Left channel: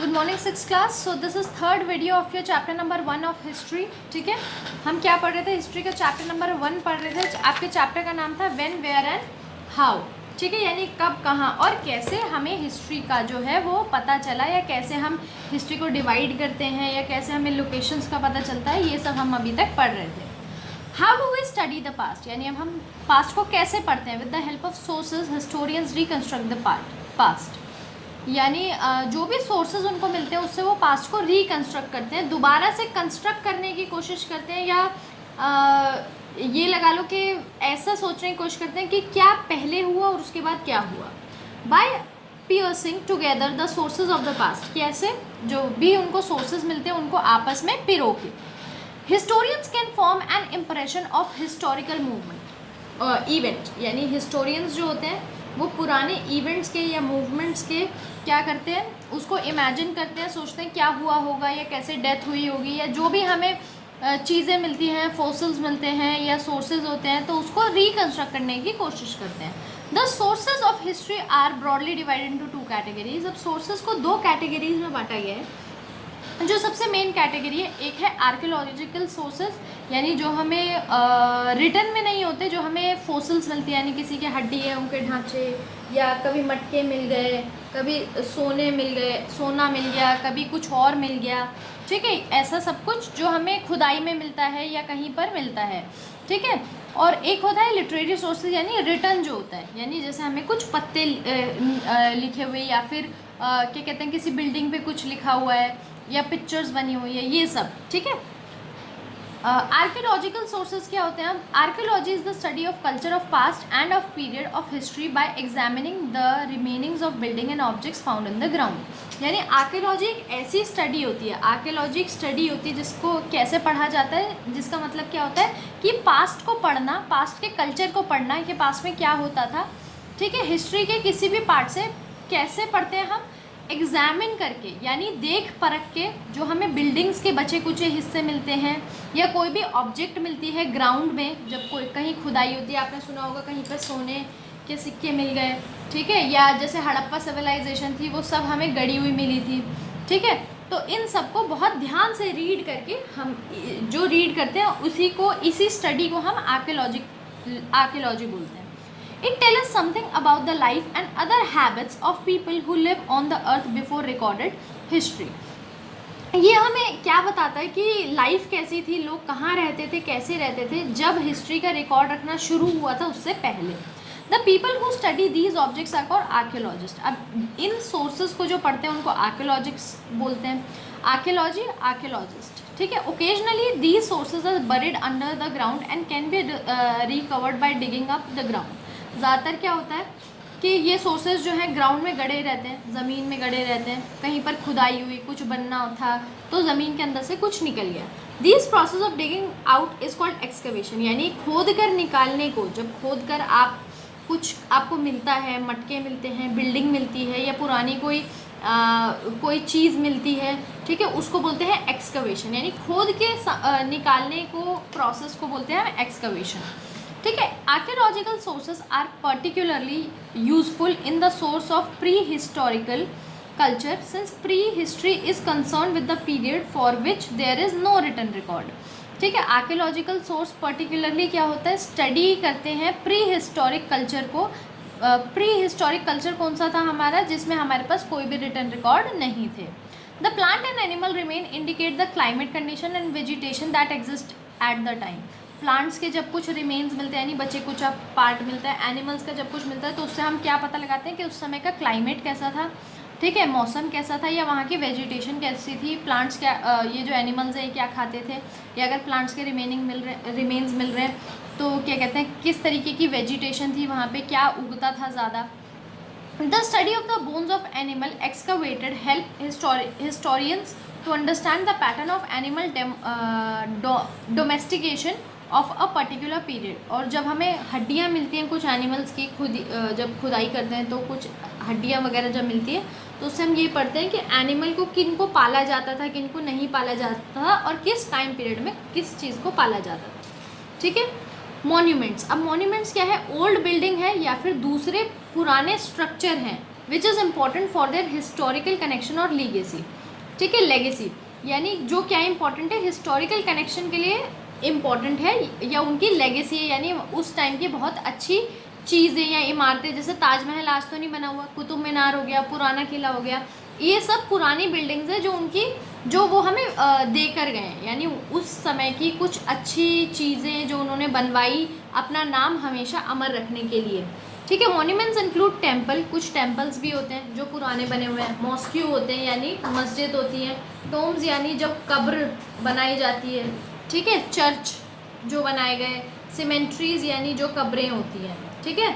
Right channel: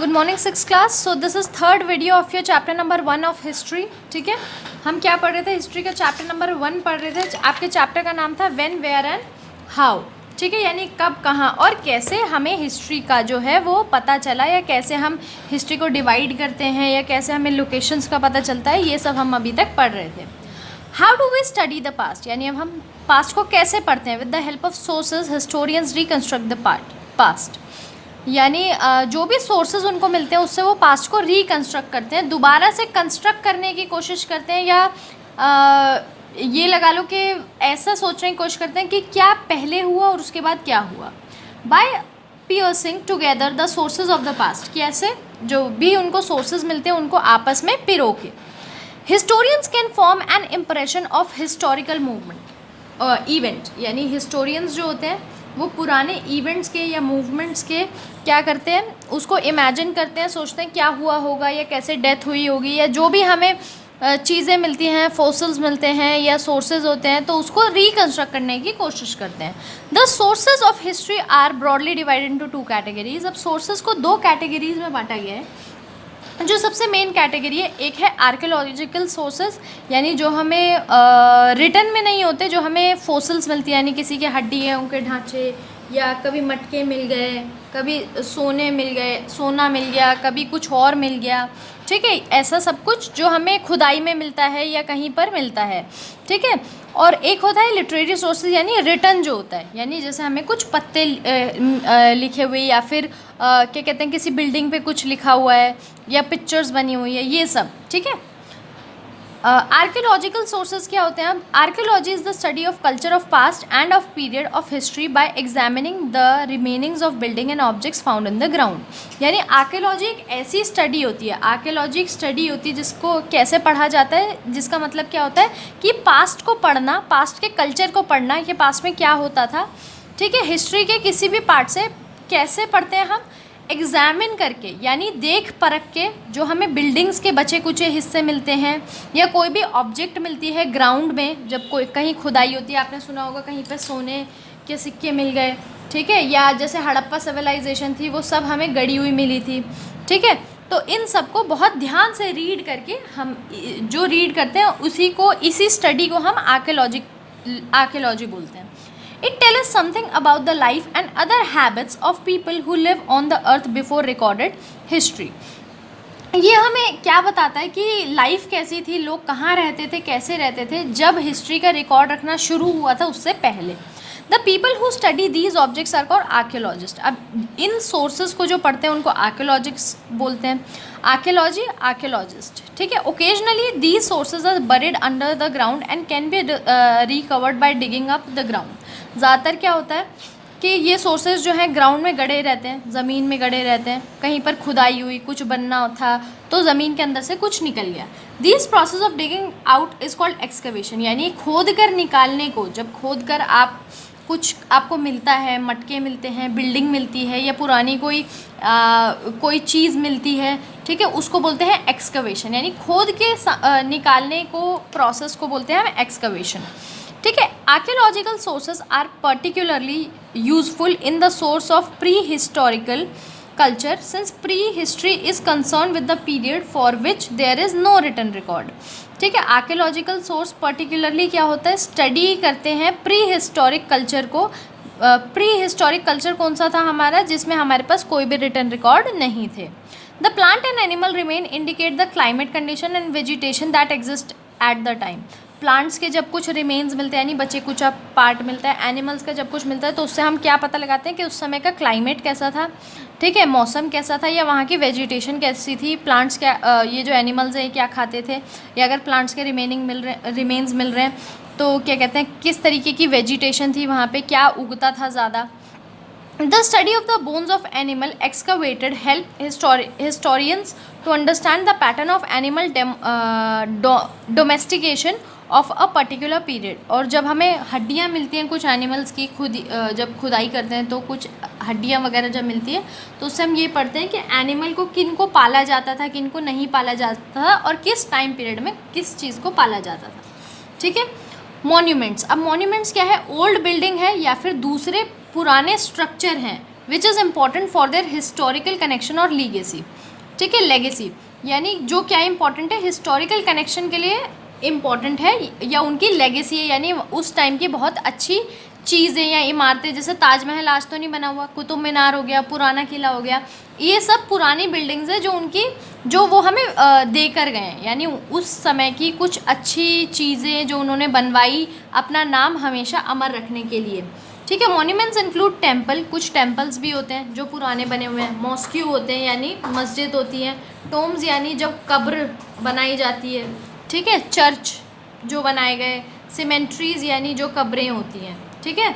Good morning six class. So this is third video of your chapter number 1 of history. ठीक है, हम क्या पढ़ रहे थे? हिस्ट्री का चैप्टर नंबर 1 पढ़ रहे थे। आपके चैप्टर का नाम था व्हेन, वेयर एंड हाउ। ठीक है, यानी कब, कहाँ और कैसे हमें हिस्ट्री का जो है वो पता चला, या कैसे हम हिस्ट्री को डिवाइड करते हैं, या कैसे हमें लोकेशंस का पता चलता है, ये सब हम अभी तक पढ़ रहे थे। How do we study the past, यानी अब हम पास्ट को कैसे पढ़ते हैं? With the help of sources historians reconstruct the past, यानी जो भी सोर्सेज उनको मिलते हैं उससे वो पास्ट को रिकन्स्ट्रक्ट करते हैं, दोबारा से कंस्ट्रक्ट करने की कोशिश करते हैं, या ये लगा लो कि ऐसा सोचने की कोशिश करते हैं कि क्या पहले हुआ और उसके बाद क्या हुआ। By piercing together the sources of the past, कैसे जो भी उनको सोर्सेज मिलते हैं उनको आपस में पिरो के। Historians can form an impression of historical movement event, यानी हिस्टोरियंस जो होते हैं वो पुराने इवेंट्स के या मूवमेंट्स के क्या करते हैं, उसको इमेजिन करते हैं, सोचते हैं क्या हुआ होगा या कैसे डेथ हुई होगी, या जो भी हमें चीज़ें मिलती हैं, फोसिल्स मिलते हैं या सोर्सेज होते हैं, तो उसको रिकन्स्ट्रक्ट करने की कोशिश करते हैं। The sources of history are broadly divided into 2 categories. अब सोर्सेज को 2 कैटेगरीज में बांटा गया है। जो सबसे मेन कैटेगरी है, एक है आर्कियोलॉजिकल सोर्सेज, यानी जो हमें रिटन में नहीं होते, जो हमें फोसिल्स मिलती है, यानी किसी के हड्डियों के ढांचे, या कभी मटके मिल गए, कभी सोना मिल गया, कभी कुछ और मिल गया। ठीक है, ऐसा सब कुछ जो हमें खुदाई में मिलता है या कहीं पर मिलता है। ठीक है, और एक होता है लिटरेरी सोर्सेज, यानी रिटन जो होता है, यानी जैसे हमें कुछ पत्ते लिखे हुए, या फिर क्या कहते हैं, किसी बिल्डिंग पे कुछ लिखा हुआ है या पिक्चर्स बनी हुई है, ये सब। ठीक है, आर्कियोलॉजिकल सोर्सेज क्या होते हैं? Archaeology is the study of culture of past end of period of history by examining the remainings of building and objects found in the ground. यानी आर्कियोलॉजी एक ऐसी स्टडी होती है, आर्कियोलॉजी एक स्टडी होती है जिसको कैसे पढ़ा जाता है, जिसका मतलब क्या होता है कि पास्ट को पढ़ना, पास्ट के कल्चर को पढ़ना कि पास्ट में क्या होता था। ठीक है, हिस्ट्री के किसी भी पार्ट से कैसे पढ़ते हैं हम? एग्जामिन करके, यानी देख परख के, जो हमें बिल्डिंग्स के बचे कुचे हिस्से मिलते हैं या कोई भी ऑब्जेक्ट मिलती है ग्राउंड में, जब कोई कहीं खुदाई होती है, आपने सुना होगा कहीं पर सोने के सिक्के मिल गए। ठीक है, या जैसे हड़प्पा सिविलाइजेशन थी, वो सब हमें गड़ी हुई मिली थी। ठीक है, तो इन सब को बहुत ध्यान से रीड करके, हम जो रीड करते हैं इसी स्टडी को हम आर्कियोलॉजी बोलते हैं। It tells us something about the life and other habits of people who live on the earth before recorded history. ये हमें क्या बताता है कि लाइफ कैसी थी, लोग कहाँ रहते थे, कैसे रहते थे जब हिस्ट्री का रिकॉर्ड रखना शुरू हुआ था, उससे पहले। The people who study these objects are called archaeologist. अब इन सोर्सेज को जो पढ़ते हैं उनको आर्कियोलॉजिस्ट बोलते हैं। Archaeology, archaeologist. ठीक है, occasionally these sources are buried under the ground and can be recovered by digging up the ground. ज़्यादातर क्या होता है कि ये सोर्सेज जो है ग्राउंड में गड़े रहते हैं, ज़मीन में गड़े रहते हैं, कहीं पर खुदाई हुई, कुछ बनना था तो ज़मीन के अंदर से कुछ निकल गया। This process of digging out is called excavation, यानी खोद कर निकालने को। जब खोद कर कुछ आपको मिलता है, मटके मिलते हैं, बिल्डिंग मिलती है, या पुरानी कोई चीज़ मिलती है, ठीक है, उसको बोलते हैं एक्सकवेशन, यानी खोद के निकालने को, प्रोसेस को बोलते हैं हम एक्सकवेशन। ठीक है, archaeological sources are particularly useful in the source of pre historical culture since pre history is concern with the period for which there is no written record. ठीक है, आर्कियोलॉजिकल सोर्स पर्टिकुलरली क्या होता है, study करते हैं pre historic culture को। Pre historic culture कौन सा था हमारा, जिसमें हमारे पास कोई भी रिटन रिकॉर्ड नहीं थे। The plant and animal remain indicate the climate condition and vegetation that exist at the time. Plants के जब कुछ रिमेन्स मिलते हैं, यानी बचे कुछ पार्ट मिलता है, एनिमल्स का जब कुछ मिलता है, तो उससे हम क्या पता लगाते हैं कि उस समय का क्लाइमेट कैसा था। ठीक है, मौसम कैसा था, या वहाँ की वेजिटेशन कैसी थी, प्लांट्स क्या, ये जो एनिमल्स हैं क्या खाते थे, या अगर प्लांट्स के रिमेन्स मिल रहे हैं तो क्या कहते हैं, किस तरीके की वेजिटेशन थी वहाँ पे, क्या उगता था ज़्यादा। The study of the bones of animal excavated help historians to understand the pattern of animal domestication of a particular period. और जब हमें हड्डियाँ मिलती हैं कुछ एनिमल्स की, जब खुदाई करते हैं तो कुछ हड्डियाँ वगैरह जब मिलती है, तो उससे हम ये पढ़ते हैं कि एनिमल को किन को पाला जाता था, किन को नहीं पाला जाता था, और किस टाइम पीरियड में किस चीज़ को पाला जाता था। ठीक है, मॉन्यूमेंट्स। अब मॉन्यूमेंट्स क्या है? ओल्ड बिल्डिंग है या फिर दूसरे पुराने स्ट्रक्चर हैं which is important for their historical connection और लीगेसी। ठीक है, लेगेसी यानी जो क्या इंपॉर्टेंट है, हिस्टोरिकल कनेक्शन के लिए इम्पॉर्टेंट है, या उनकी लेगेसी है यानी उस टाइम की बहुत अच्छी चीज़ें या इमारतें, जैसे ताजमहल आज तो नहीं बना हुआ, कुतुब मीनार हो गया, पुराना किला हो गया, ये सब पुरानी बिल्डिंग्स है जो उनकी जो वो हमें दे कर गए हैं, यानी उस समय की कुछ अच्छी चीज़ें जो उन्होंने बनवाई अपना नाम हमेशा अमर रखने के लिए। ठीक है, मॉन्यूमेंट्स इंक्लूड टेम्पल, कुछ टेम्पल्स भी होते हैं जो पुराने बने हुए हैं, मॉस्क्यू होते हैं यानी मस्जिद होती है, टोम्स यानी जब कब्र बनाई जाती है, ठीक है, चर्च जो बनाए गए, सीमेंट्रीज यानी जो कब्रें होती हैं, ठीक है,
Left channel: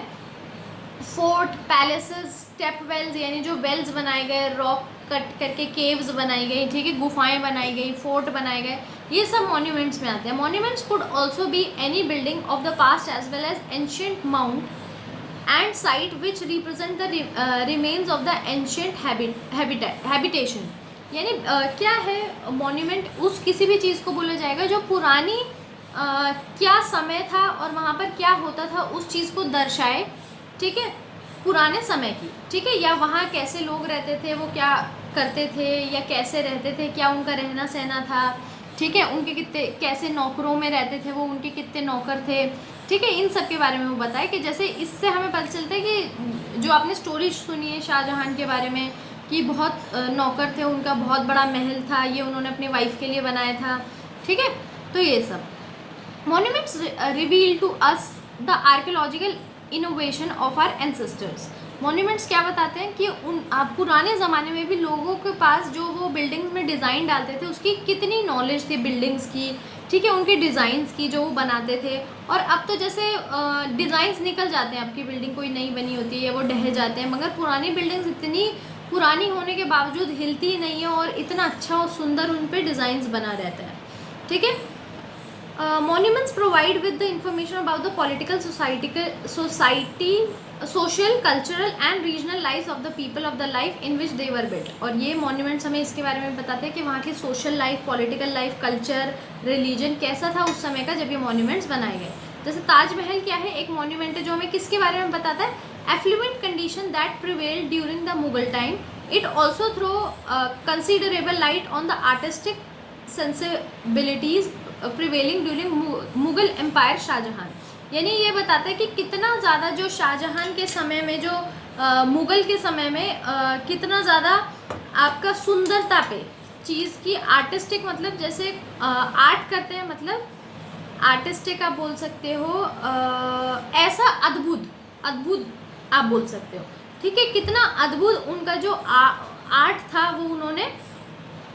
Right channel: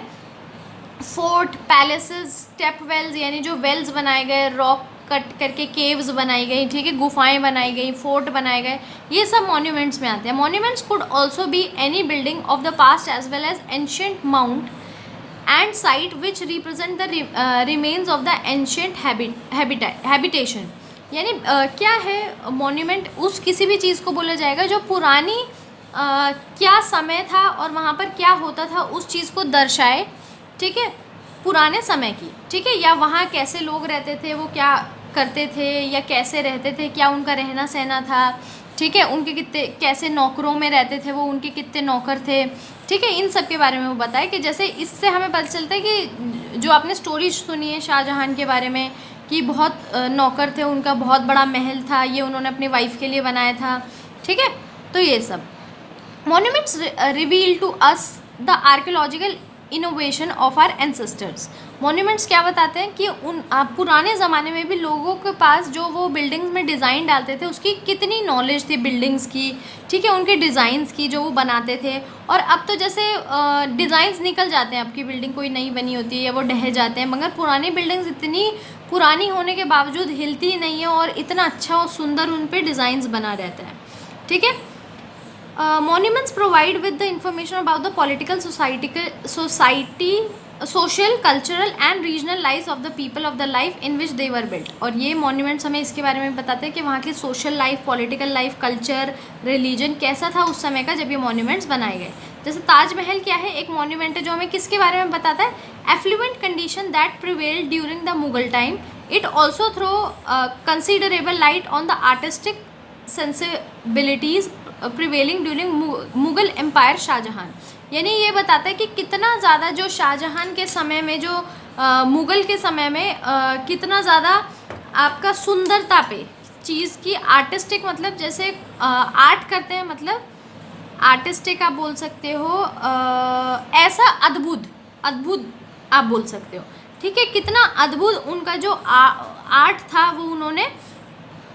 फोर्ट, पैलेसेस, स्टेप वेल्स यानी जो वेल्स बनाए गए, रॉक कट करके केव्स बनाई गई, ठीक है, गुफाएं बनाई गई, फोर्ट बनाए गए, ये सब मॉन्यूमेंट्स में आते हैं। Monuments could also be any building of the past as well as ancient mount and site which represent the remains of the ancient habitation. यानी क्या है मॉन्यूमेंट, उस किसी भी चीज़ को बोला जाएगा जो पुरानी क्या समय था और वहाँ पर क्या होता था उस चीज़ को दर्शाए, ठीक है, पुराने समय की, ठीक है, या वहाँ कैसे लोग रहते थे, वो क्या करते थे या कैसे रहते थे, क्या उनका रहना सहना था, ठीक है, उनके कितने कैसे नौकरों में रहते थे वो, उनके कितने नौकर थे, ठीक है, इन सब के बारे में वो बताए कि जैसे इससे हमें पता चलता है कि जो आपने स्टोरी सुनी है शाहजहां के बारे में कि बहुत नौकर थे, उनका बहुत बड़ा महल था, ये उन्होंने अपनी वाइफ के लिए बनाया था, ठीक है, तो ये सब monuments reveal to us the archaeological innovation of our ancestors. Monuments क्या बताते हैं कि पुराने ज़माने में भी लोगों के पास जो वो बिल्डिंग्स में डिज़ाइन डालते थे उसकी कितनी नॉलेज थी बिल्डिंग्स की, ठीक है, उनके डिज़ाइंस की जो वो बनाते थे। और अब तो जैसे डिज़ाइंस निकल जाते हैं, आपकी बिल्डिंग कोई नई बनी होती है या वो ढह जाते हैं, मगर पुरानी बिल्डिंग्स इतनी पुरानी होने के बावजूद हिलती ही नहीं है और इतना अच्छा और सुंदर उन पर डिज़ाइंस बना रहता है, ठीक है। Monuments provide with the information about the political society, social, cultural and regional lives of the people of the life in which they were built। और ये monuments हमें इसके बारे में बताते हैं कि वहाँ की social life, political life, culture, religion कैसा था उस समय का जब ये monuments बनाए गए। जैसे ताजमहल क्या है, एक monument है जो हमें किसके बारे में बताता है, affluent condition that prevailed during the Mughal time। It also throw considerable light on the artistic sensibilities prevailing during Mughal empire Shahjahan. यानी ये बताता है कि कितना ज़्यादा जो शाहजहां के समय में जो मुग़ल के समय में कितना ज़्यादा आपका सुंदरता पे चीज़ की आर्टिस्टिक, मतलब जैसे आर्ट करते हैं, मतलब आर्टिस्टिक आप बोल सकते हो, ऐसा अद्भुत अद्भुत आप बोल सकते हो, ठीक है, कितना अद्भुत उनका जो आर्ट था, वो उन्होंने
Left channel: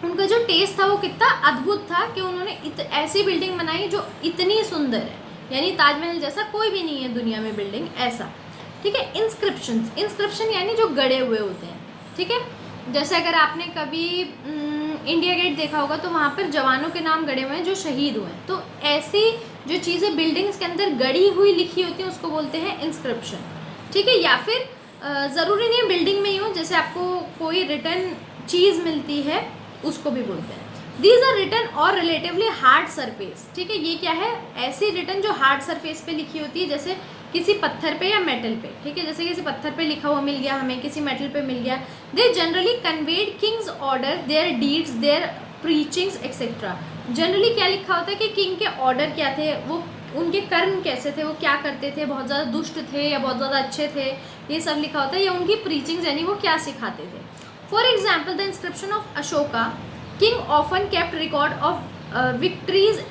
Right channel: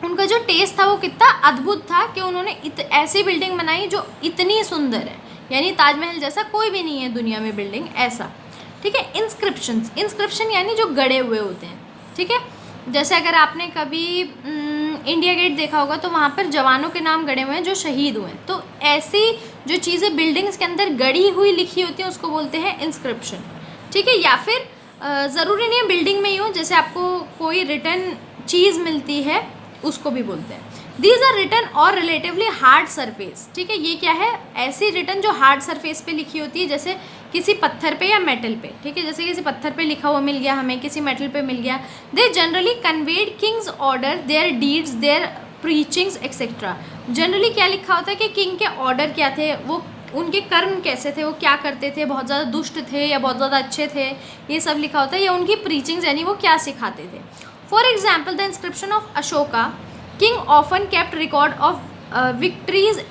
उनका जो टेस्ट था वो कितना अद्भुत था कि उन्होंने ऐसी बिल्डिंग बनाई जो इतनी सुंदर है, यानी ताजमहल जैसा कोई भी नहीं है दुनिया में बिल्डिंग ऐसा, ठीक है। इंस्क्रिप्शन यानी जो गड़े हुए होते हैं, ठीक है, जैसे अगर आपने कभी इंडिया गेट देखा होगा तो वहाँ पर जवानों के नाम गड़े हुए हैं जो शहीद हुए हैं, तो ऐसी जो चीज़ें बिल्डिंग्स के अंदर गड़ी हुई लिखी होती हैं उसको बोलते हैं इंस्क्रिप्शन, ठीक है। या फिर ज़रूरी नहीं है बिल्डिंग में ही हो, जैसे आपको कोई रिटर्न चीज़ मिलती है उसको भी बोलते हैं। दीज आर रिटन और रिलेटिवली हार्ड सरफेस, ठीक है, ये क्या है, ऐसी रिटन जो हार्ड सरफेस पे लिखी होती है, जैसे किसी पत्थर पे या मेटल पे, ठीक है, जैसे किसी पत्थर पे लिखा हुआ मिल गया हमें, किसी मेटल पे मिल गया। They generally conveyed king's order, their deeds, their preachings etcetera. Generally क्या लिखा होता है कि किंग के ऑर्डर क्या थे, वो उनके कर्म कैसे थे, वो क्या करते थे, बहुत ज़्यादा दुष्ट थे या बहुत ज़्यादा अच्छे थे, ये सब लिखा होता है, या उनकी प्रीचिंग्स यानी वो क्या सिखाते थे। For example, the inscription of Ashoka, king often kept record of victories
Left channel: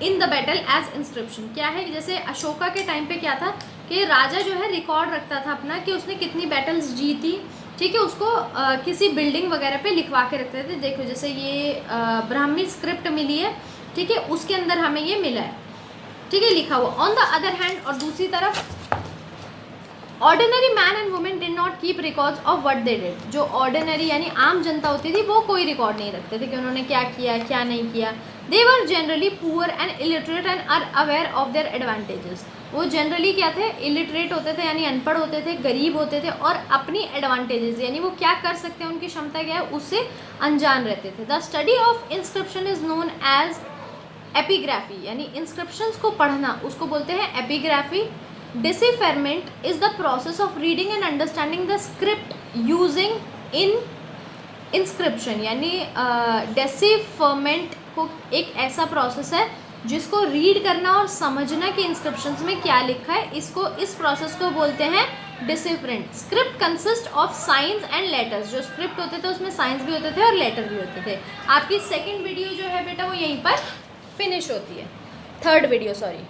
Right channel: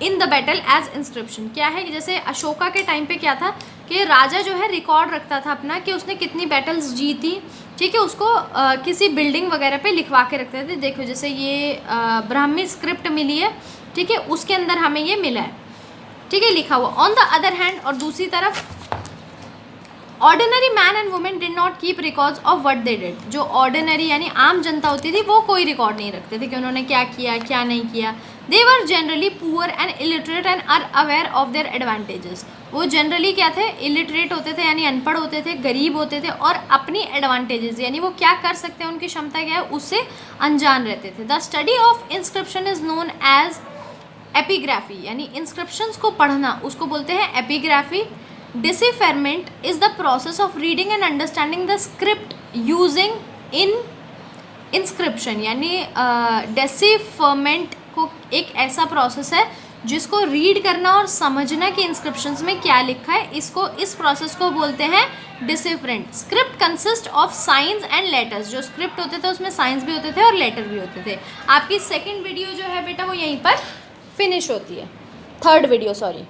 in the battle as inscription। क्या है कि जैसे अशोका के टाइम पे क्या था कि राजा जो है रिकॉर्ड रखता था अपना कि उसने कितनी बैटल्स जीती, ठीक है, उसको किसी बिल्डिंग वगैरह पे लिखवा के रखते थे। देखो जैसे ये ब्राह्मी स्क्रिप्ट मिली है, ठीक है, उसके अंदर हमें ये मिला है, ठीक है, लिखा हुआ। ऑन द अदर हैंड, और दूसरी तरफ ordinary man and women did not keep records of what they did. जो ऑर्डिनरी यानी आम जनता होती थी वो कोई रिकॉर्ड नहीं रखते थे कि उन्होंने क्या किया क्या नहीं किया। They were generally poor and illiterate and are aware of their advantages. वो जनरली क्या थे, इलिटरेट होते थे यानी अनपढ़ होते थे, गरीब होते थे, और अपनी एडवांटेजेस यानी वो क्या कर सकते हैं, उनकी क्षमता क्या है, उससे अनजान रहते थे। The study of inscription is known as epigraphy, यानी इंस्क्रिप्शंस को पढ़ना उसको बोलते हैं epigraphy. Decipherment is the process of reading and understanding the script using in inscription, यानी डेसिफरमेंट को एक ऐसा प्रोसेस है जिसको रीड करना और समझना कि इंस्क्रिप्शंस में क्या लिखा है, इस प्रोसेस को बोलते हैं decipherment. Script consist of signs and letters, जो स्क्रिप्ट होते थे उसमें साइंस भी होते थे और लेटर भी होते थे। आपकी सेकंड वीडियो जो है बेटा वो यहीं पर फिनिश होती है, थर्ड वीडियो सॉरी।